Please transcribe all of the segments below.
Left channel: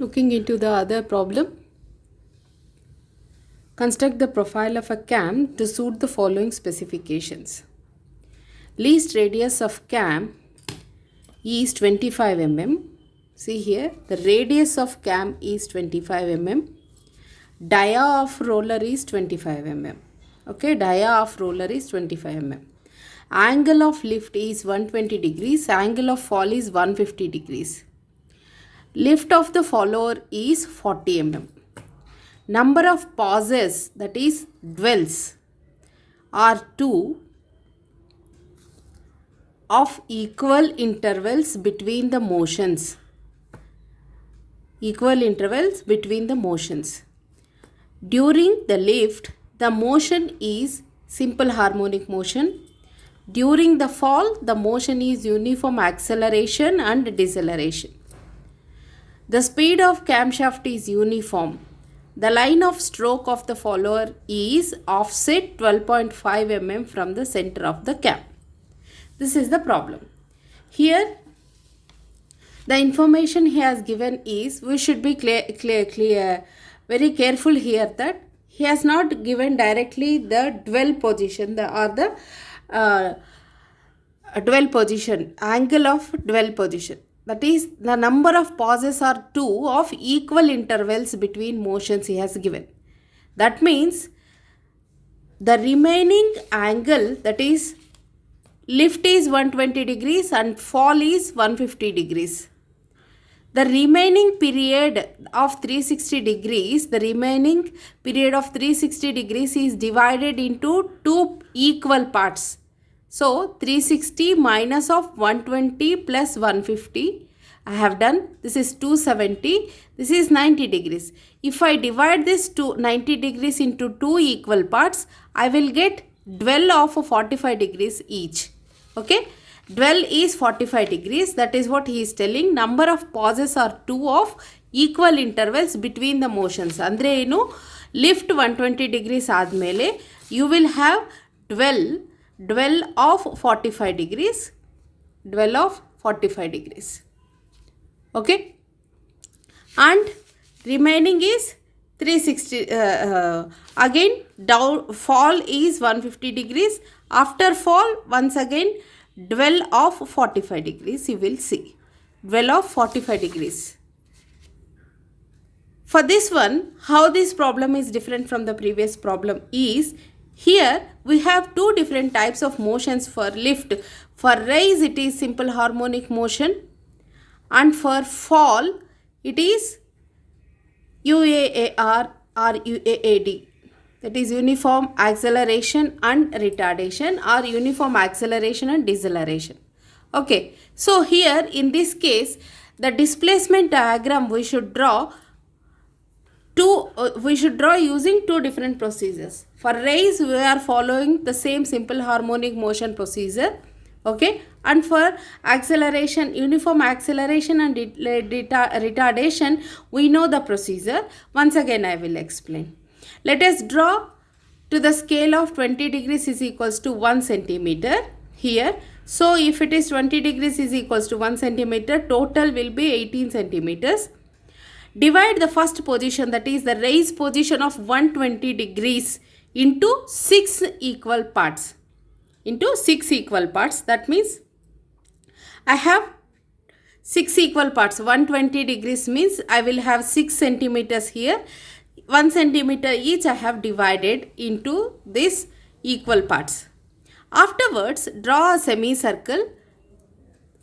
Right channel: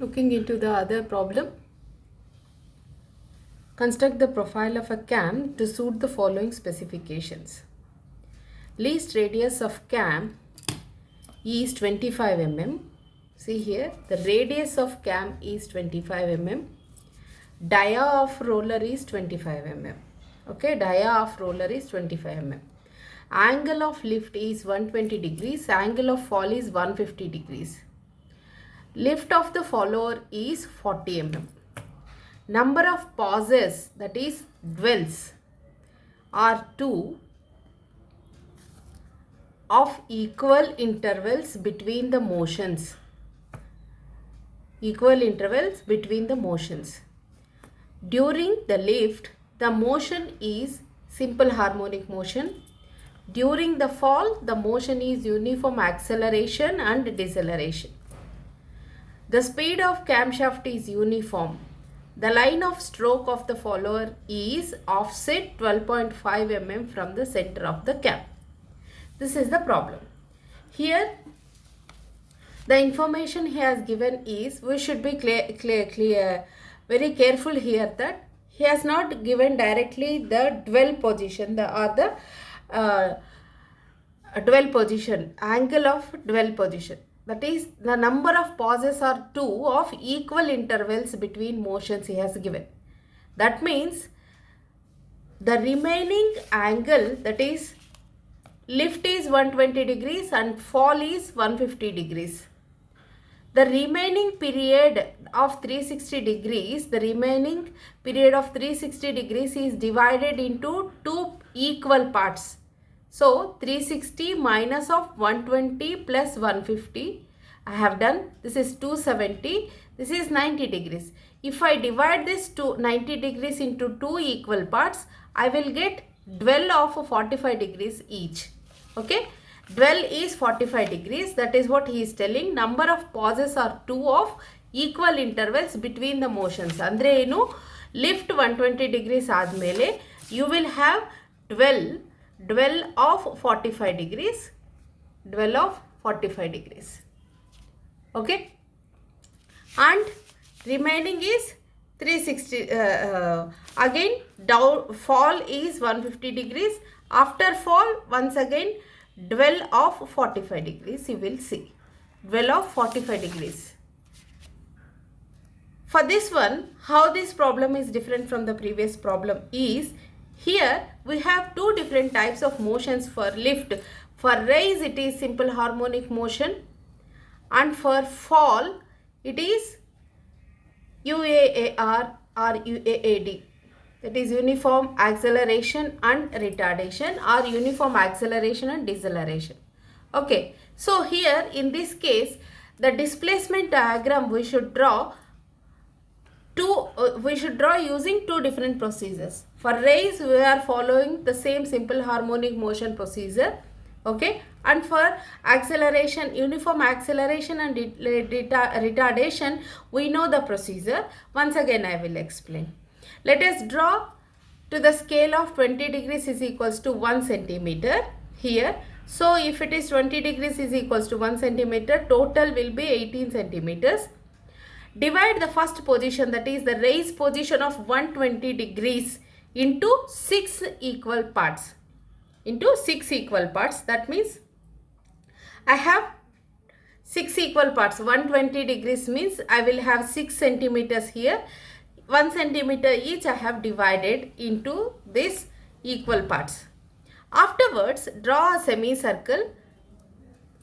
Looking into the other problem, construct the profile of a cam to suit the following specifications. Least radius of cam is 25 mm. See here, the radius of cam is 25 mm. Dia of roller is 25 mm. Okay, dia of roller is 25 mm. Angle of lift is 120 degrees. Angle of fall is 150 degrees. Lift of the follower is 40 mm. Number of pauses, that is dwells, are 2 of equal intervals between the motions. Equal intervals between the motions. During the lift, the motion is simple harmonic motion. During the fall, the motion is uniform acceleration and deceleration. The speed of camshaft is uniform. The line of stroke of the follower is offset 12.5 mm from the center of the cam. This is the problem. Here, the information he has given is, we should be very careful here that he has not given directly the dwell position or the dwell position, angle of dwell position. That is, the number of pauses are 2 of equal intervals between motions he has given. That means the remaining angle, that is lift is 120 degrees and fall is 150 degrees. The remaining period of 360 degrees, is divided into 2 equal parts. So 360 minus of 120 plus 150, I have done. This is 270. This is 90 degrees. If I divide this 90 degrees into 2 equal parts, I will get dwell of 45 degrees each. Okay. Dwell is 45 degrees. That is what he is telling. Number of pauses are 2 of equal intervals between the motions. Andre enu lift 120 degrees admele, you will have dwell of 45 degrees. Dwell of 45 degrees. Okay. And remaining is 360. Again, down fall is 150 degrees. After fall, once again, dwell of 45 degrees, you will see. Dwell of 45 degrees. For this one, how this problem is different from the previous problem is, here we have 2 different types of motions for lift. For rise, it is simple harmonic motion, and for fall, it is UAAR or UAAD. That is uniform acceleration and retardation, or uniform acceleration and deceleration. Okay, so here in this case, the displacement diagram we should draw using 2 different procedures. For raise, we are following the same simple harmonic motion procedure. Okay, and for acceleration, uniform acceleration and retardation, we know the procedure. Once again, I will explain. Let us draw to the scale of 20 degrees is equals to 1 centimeter here. So, if it is 20 degrees is equals to 1 centimeter, total will be 18 centimeters. Divide the first position, that is the raise position of 120 degrees, into 6 equal parts. That means I have 6 equal parts. 120 degrees means I will have 6 centimeters here. 1 centimeter each I have divided into these equal parts. Afterwards, draw a semicircle.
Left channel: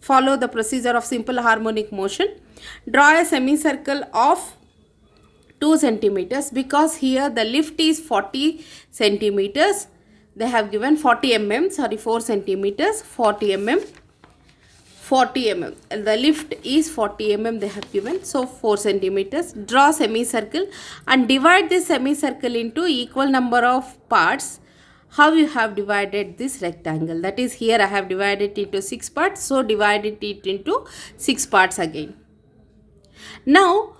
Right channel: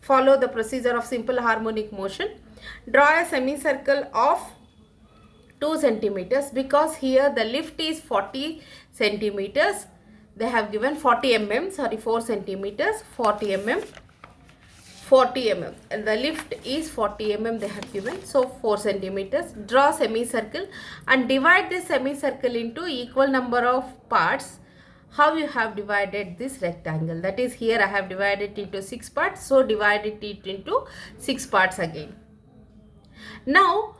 Follow the procedure of simple harmonic motion. Draw a semicircle of 2 centimeters, because here the lift is 40 centimeters. They have given 40 mm, 4 centimeters, 40 mm. And the lift is 40 mm they have given, so 4 centimeters. Draw semicircle and divide this semicircle into equal number of parts. How you have divided this rectangle? That is, here I have divided it into 6 parts, so divided it into 6 parts again. Now,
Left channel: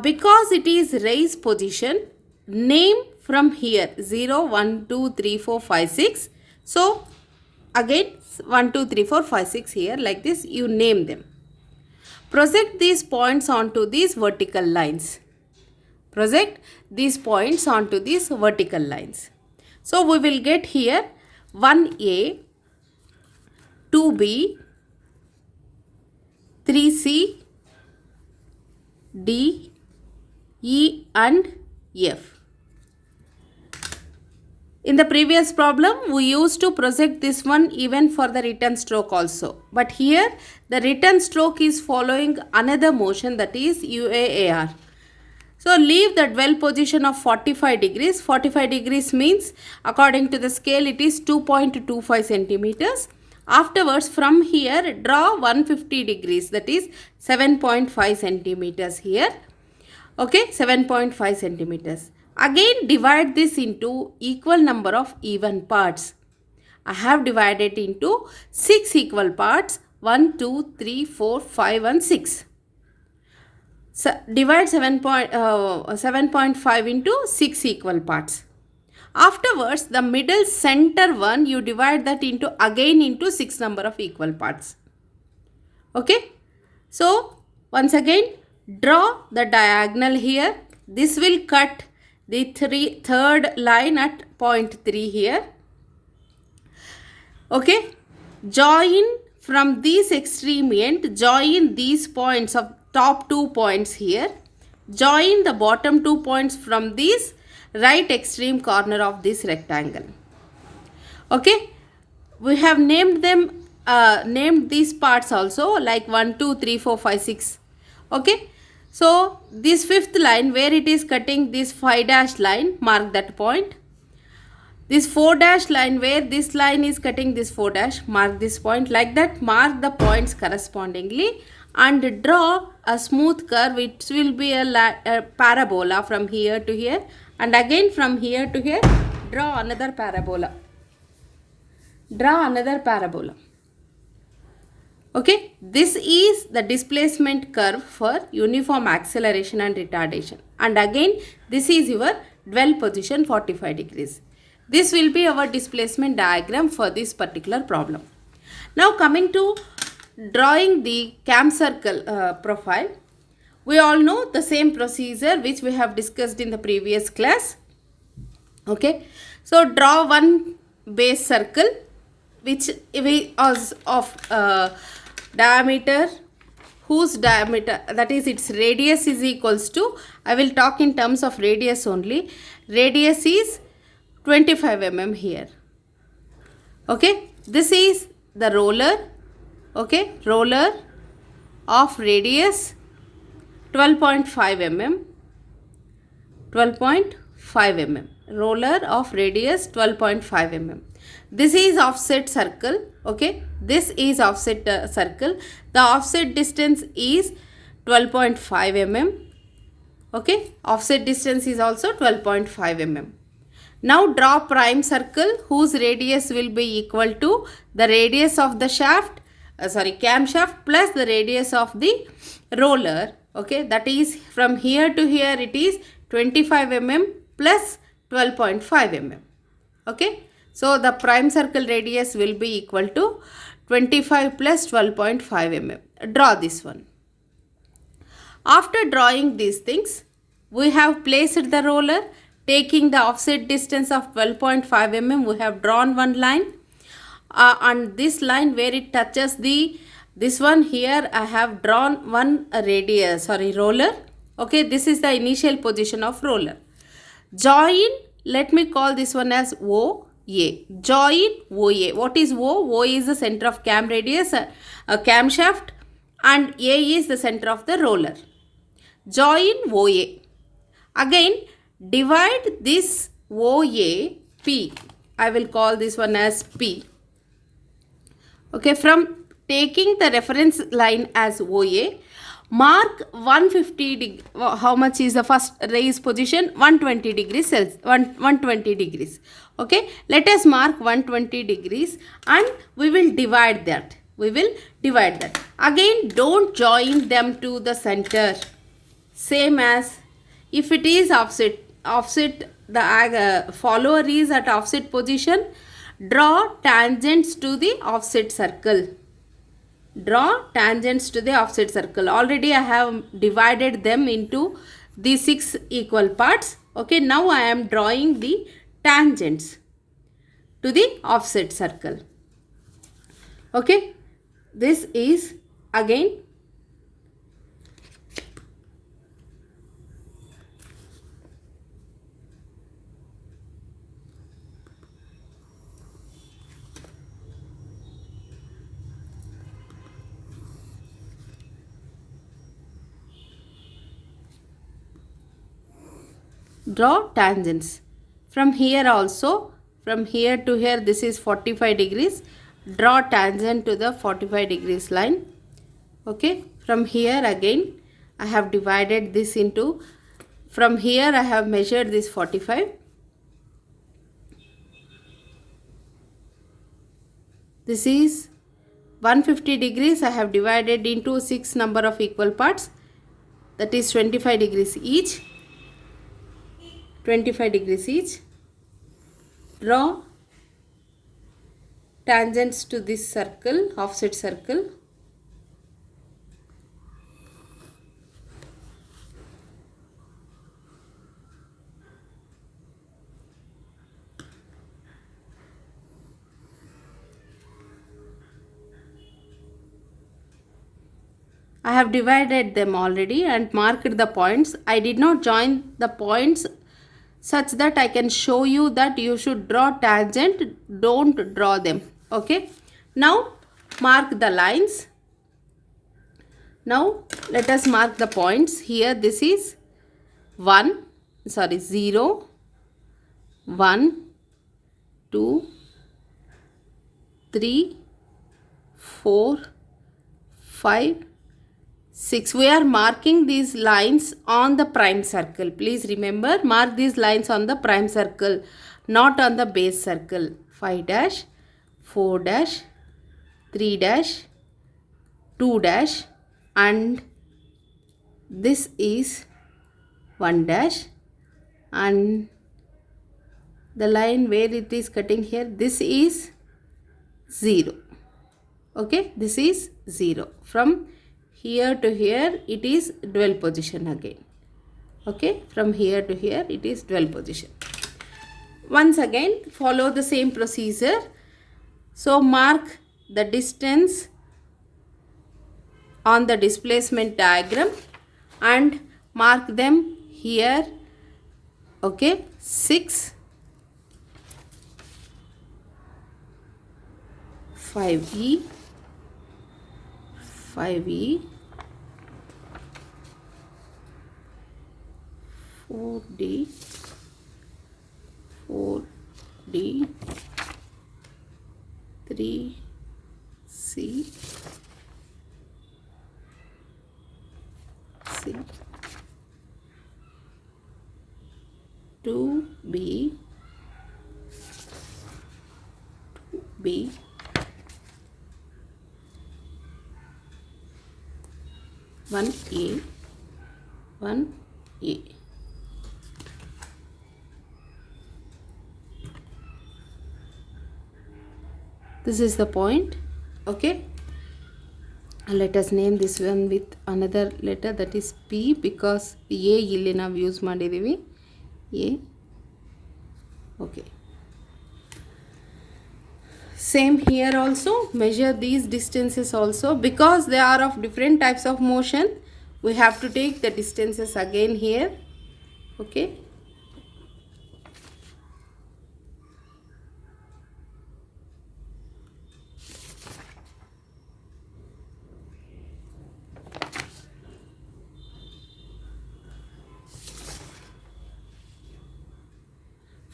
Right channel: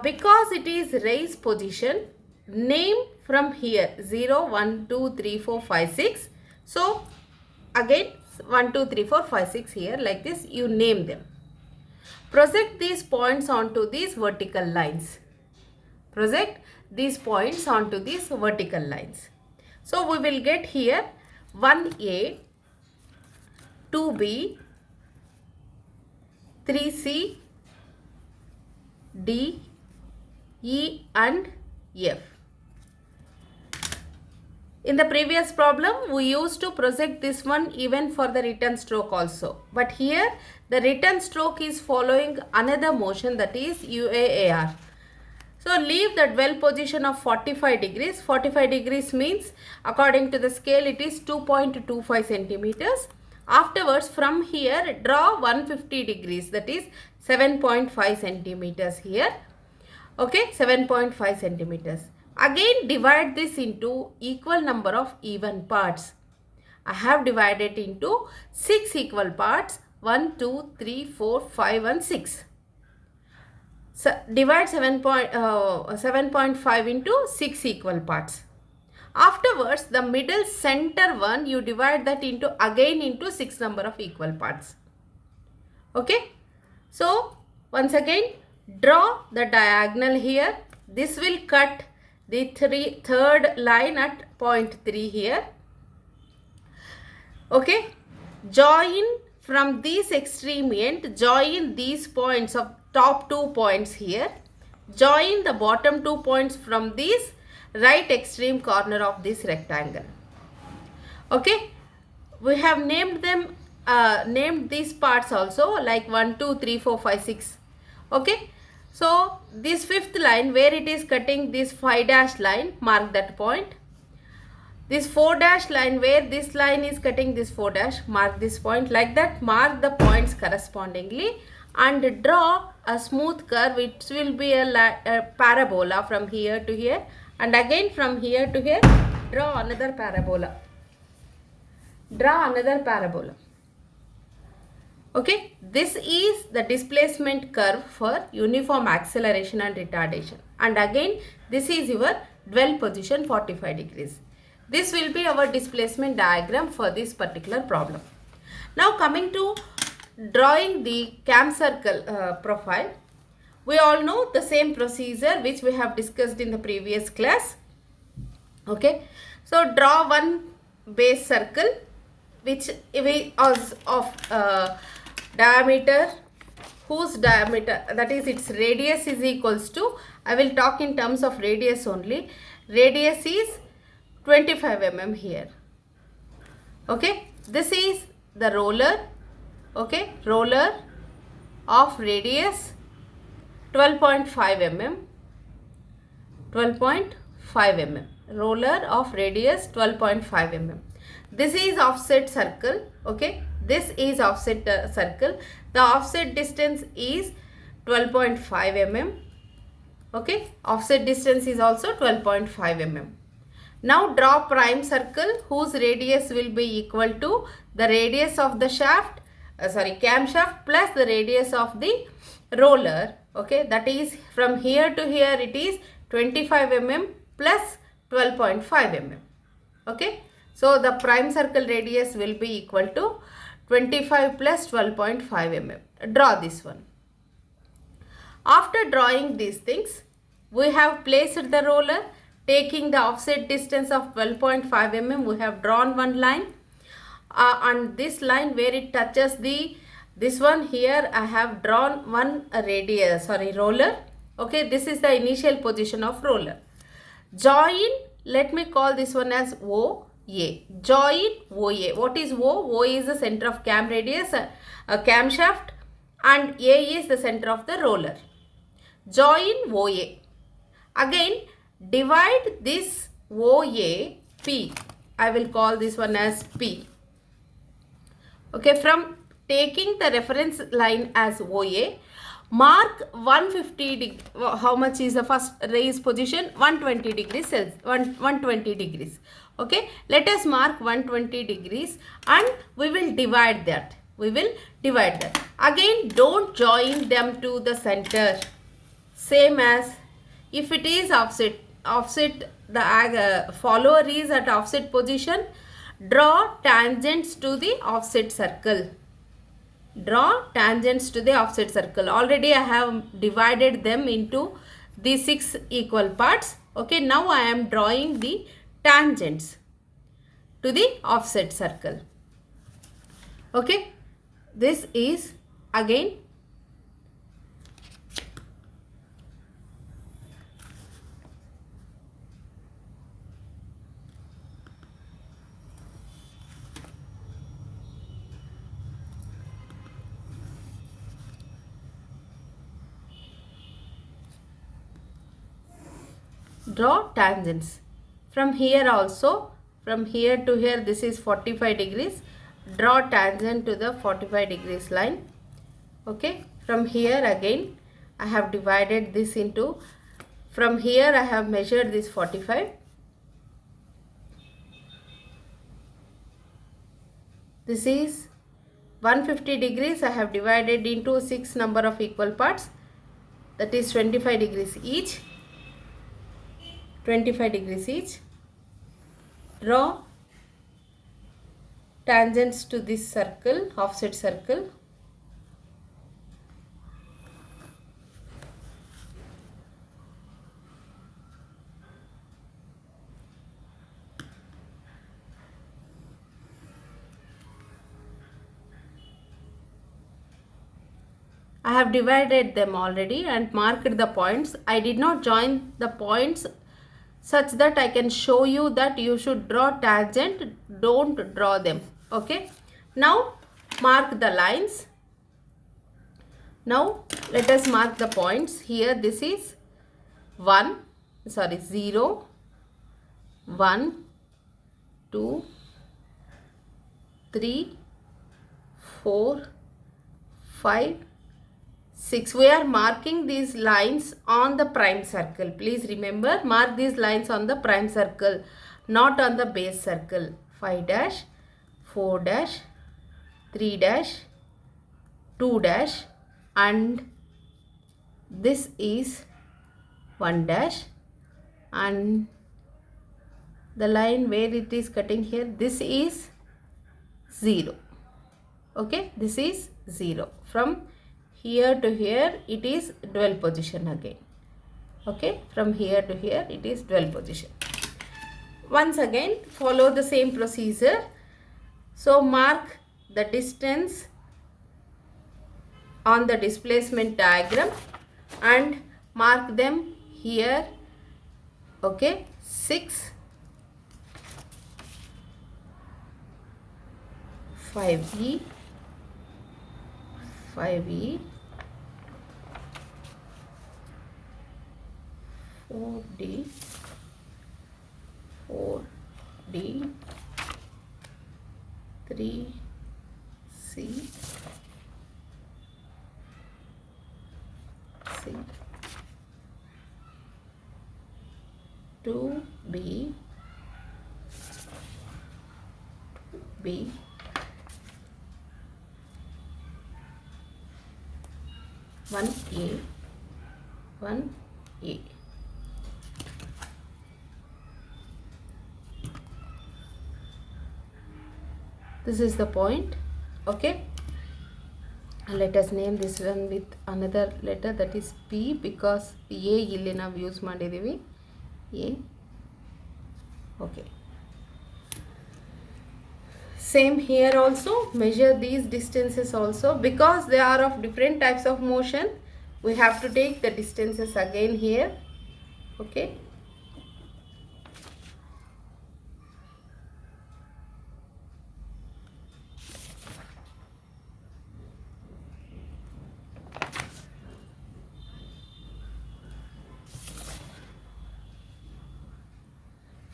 because it is raise position, name from here 0, 1, 2, 3, 4, 5, 6. So, again 1, 2, 3, 4, 5, 6 here, like this you name them. Project these points onto these vertical lines. Project these points onto these vertical lines. So we will get here 1A, 2B, 3C, D, E and F. In the previous problem, we used to project this one even for the return stroke also. But here, the return stroke is following another motion, that is UAAR. So, leave the dwell position of 45 degrees. 45 degrees means, according to the scale, it is 2.25 centimeters. Afterwards, from here, draw 150 degrees, that is 7.5 centimeters here. Okay, 7.5 centimeters. Again, divide this into equal number of even parts. I have divided into 6 equal parts. 1, 2, 3, 4, 5 and 6. So, divide 7.5 into 6 equal parts. Afterwards, the middle center one, you divide that into 6 number of equal parts. Okay. So, once again, draw the diagonal here. This will cut the third line at point 3 here. Okay. Join from this extreme end, join these points of top 2 points here. Join the bottom 2 points from this right extreme corner of this rectangle. Okay. We have named them, named these parts also like 1, 2, 3, 4, 5, 6. Okay. So, this fifth line where it is cutting this 5 dash line, mark that point. This 4 dash line where this line is cutting this 4 dash, mark this point. Like that, mark the points correspondingly and draw a smooth curve which will be a parabola from here to here, and again from here to here, draw another parabola. Draw another parabola. Okay, this is the displacement curve for uniform acceleration and retardation. And again, this is your dwell position 45 degrees. This will be our displacement diagram for this particular problem. Now coming to drawing the cam circle profile, we all know the same procedure which we have discussed in the previous class. Okay, so draw one base circle which is of diameter, whose diameter, that is its radius is equals to, I will talk in terms of radius only, radius is 25 mm here. Okay, this is the roller. Okay, roller of radius 12.5 mm, 12.5 mm, roller of radius 12.5 mm. This is offset circle. Okay, this is offset circle. The offset distance is 12.5 mm. Okay, offset distance is also 12.5 mm. Now draw prime circle whose radius will be equal to the radius of the shaft, camshaft plus the radius of the roller. Okay, that is from here to here it is 25 mm plus 12.5 mm. Okay, so the prime circle radius will be equal to 25 plus 12.5 mm. Draw this one. After drawing these things, we have placed the roller. Taking the offset distance of 12.5 mm, we have drawn one line. And this line where it touches this one here, I have drawn one roller. Okay, this is the initial position of roller. Join, let me call this one as OA. Join OA. What is O? O is the center of cam radius, camshaft, and A is the center of the roller. Join OA. Again, divide this OA P. I will call this one as P. Okay, from taking the reference line as OA, mark 150 degree. How much is the first raise position? 120 degrees Celsius. 120 degrees. Okay, let us mark 120 degrees and we will divide that. We will divide that. Again, don't join them to the center. Same as if it is offset, the follower is at offset position, draw tangents to the offset circle. Draw tangents to the offset circle. Already I have divided them into the 6 equal parts. Okay, now I am drawing the tangents to the offset circle. Okay, this is again draw tangents. From here also, from here to here, this is 45 degrees. Draw tangent to the 45 degrees line. Okay, from here again I have divided this into, from here I have measured this 45. This is 150 degrees. I have divided into 6 number of equal parts, that is 25 degrees each. 25 degrees each. Draw tangents to this circle, offset circle. I have divided them already and marked the points. I did not join the points such that I can show you that you should draw tangent, don't draw them. Okay, now mark the lines. Now let us mark the points. Here this is 0, 1, 2, 3, 4, 5, 6. We are marking these lines on the prime circle. Please remember, mark these lines on the prime circle, not on the base circle. 5 dash, 4 dash, 3 dash, 2 dash, and this is 1 dash, and the line where it is cutting here, this is 0. Okay, this is 0. From here to here it is dual position again. Okay, from here to here it is dual position. Once again follow the same procedure. So mark the distance on the displacement diagram and mark them here. Okay, 6, 5e, 5e, 4d, 4d, 3c, c, 2b, 2b, 1a, 1a. This is the point. Okay, and let us name this one with another letter, that is P, because A ಇಲ್ಲಿ ನಾವು use ಮಾಡಿದ್ದೀವಿ. A. Okay, same here also. Measure these distances also, because they are of different types of motion. We have to take the distances again here. Okay,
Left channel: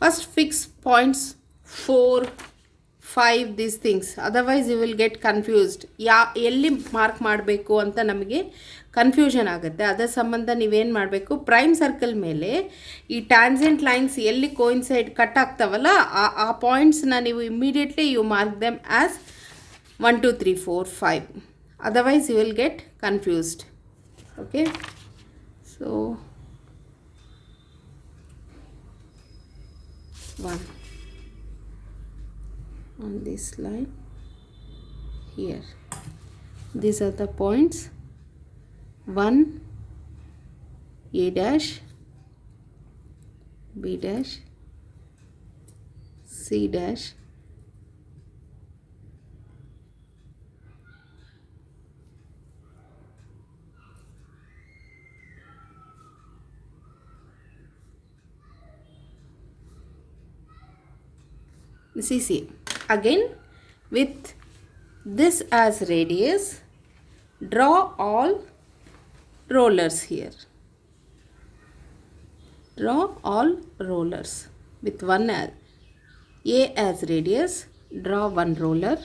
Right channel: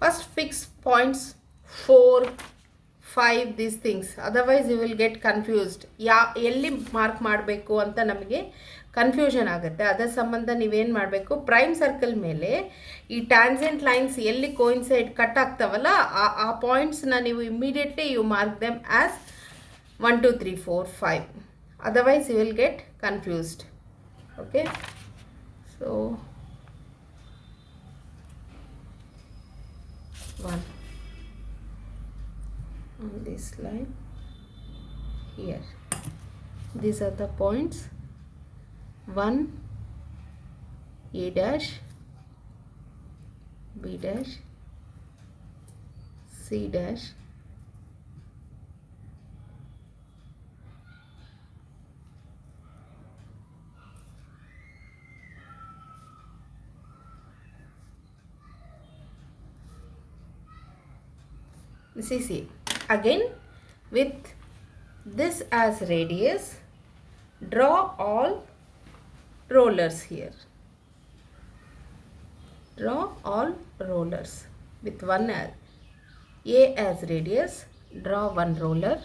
first fix points 4, 5, these things, otherwise you will get confused. ಎಲ್ಲಿ mark ಮಾಡಬೇಕು ಅಂತ ನಮಗೆ confusion ಆಗುತ್ತೆ. ಅದರ ಸಂಬಂಧ ನೀವೇನು ಮಾಡಬೇಕು, prime circle ಮೇಲೆ ಈ ಟ್ಯಾನ್ಜೆಂಟ್ ಲೈನ್ಸ್ ಎಲ್ಲಿ ಕೋಯಿನ್ಸೈಡ್ ಕಟ್ ಆಗ್ತಾವಲ್ಲ ಆ ಪಾಯಿಂಟ್ಸ್ನ ನೀವು immediately you mark them as 1, 2, 3, 4, 5. Otherwise you will get confused. Okay, so 1 on this line here. These are the points 1, A dash, B dash, C dash, this is A. Again, with this as radius, draw all rollers here. Draw all rollers with one as A as radius. Draw one roller.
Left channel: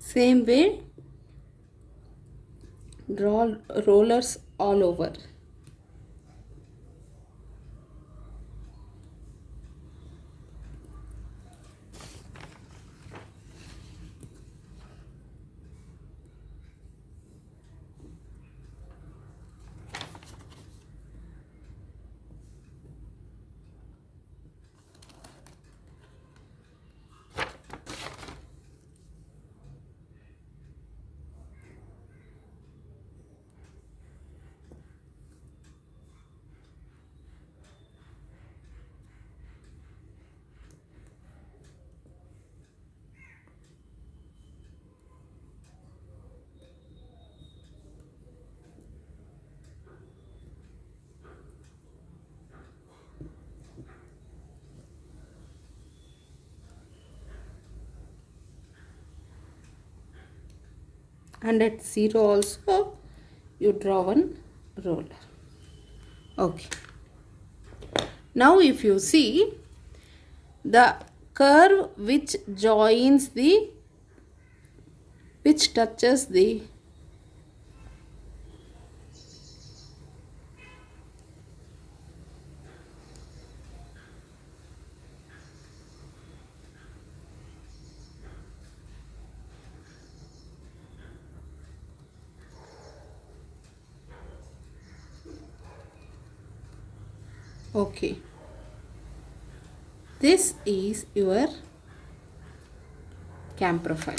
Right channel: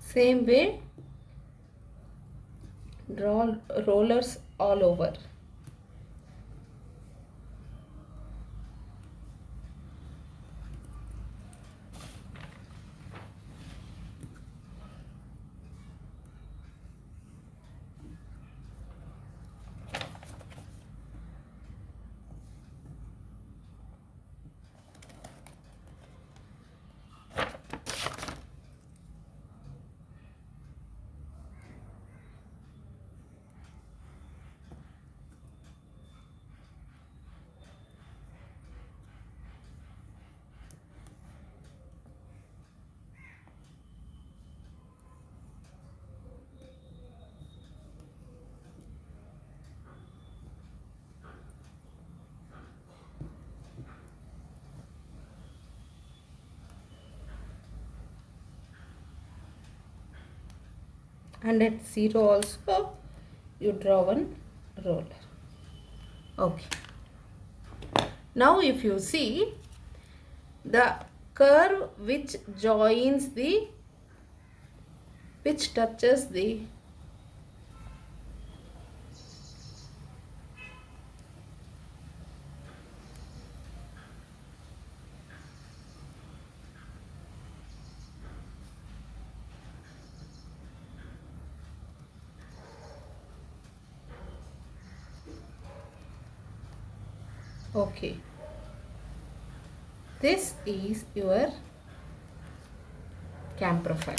Same way, draw rollers all over. And at 0 also you draw one roller. Okay. Now if you see the curve which touches the okay, this is your cam profile.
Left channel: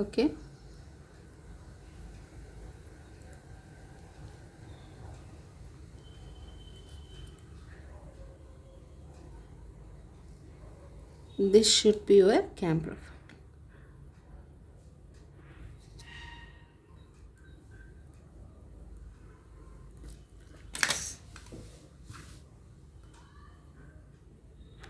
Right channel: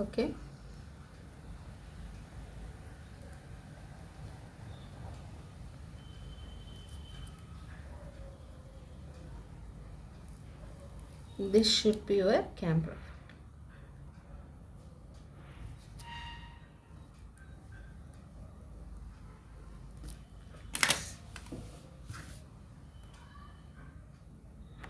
Okay. This should be your cam profile.